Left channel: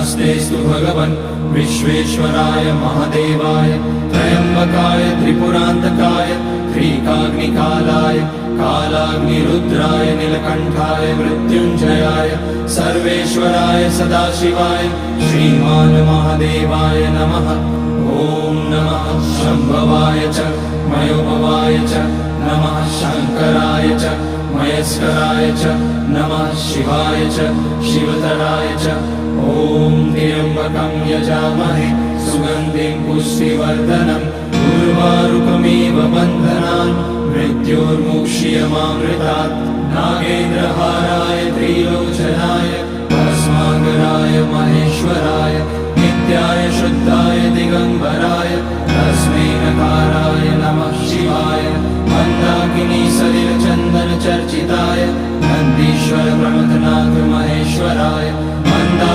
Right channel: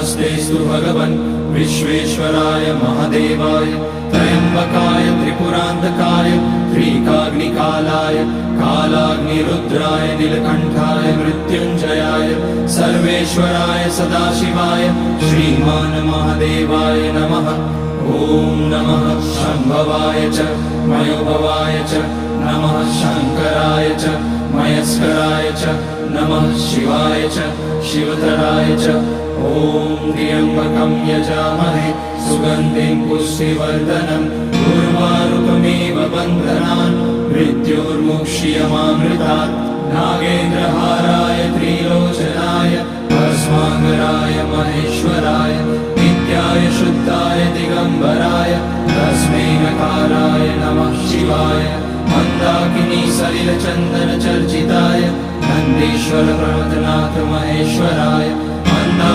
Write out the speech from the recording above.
नमस्तेस्तु भगवन् विश्वेश्वराय महादेवाय त्र्यम्बकाय त्रिपुरान्तकाय त्रिकाग्निकालाय कालाग्निरुद्राय नीलकण्ठाय मृत्युञ्जयाय सर्वेश्वराय सदाशिवाय श्रीमान् महादेवाय नमः। ॐ नमः शम्भवाय च मयोभवाय च नमः शङ्कराय च मयस्कराय च नमः शिवाय च शिवतराय च। ॐ त्र्यम्बकं यजामहे सुगन्धिं पुष्टिवर्धनम् उर्वारुकमिव बन्धनान् मृत्योर्मुक्ष्यमामृतात्। नागेन्द्रहाराय त्रिलोचनाय भस्माकराय महेश्वराय नित्याय शुद्धाय दिगम्बराय तस्मै नकाराय नमः शिवाय। मन्दाकिनी सलिलचन्दन चर्चिताय नन्दीश्वर प्रमथनाथ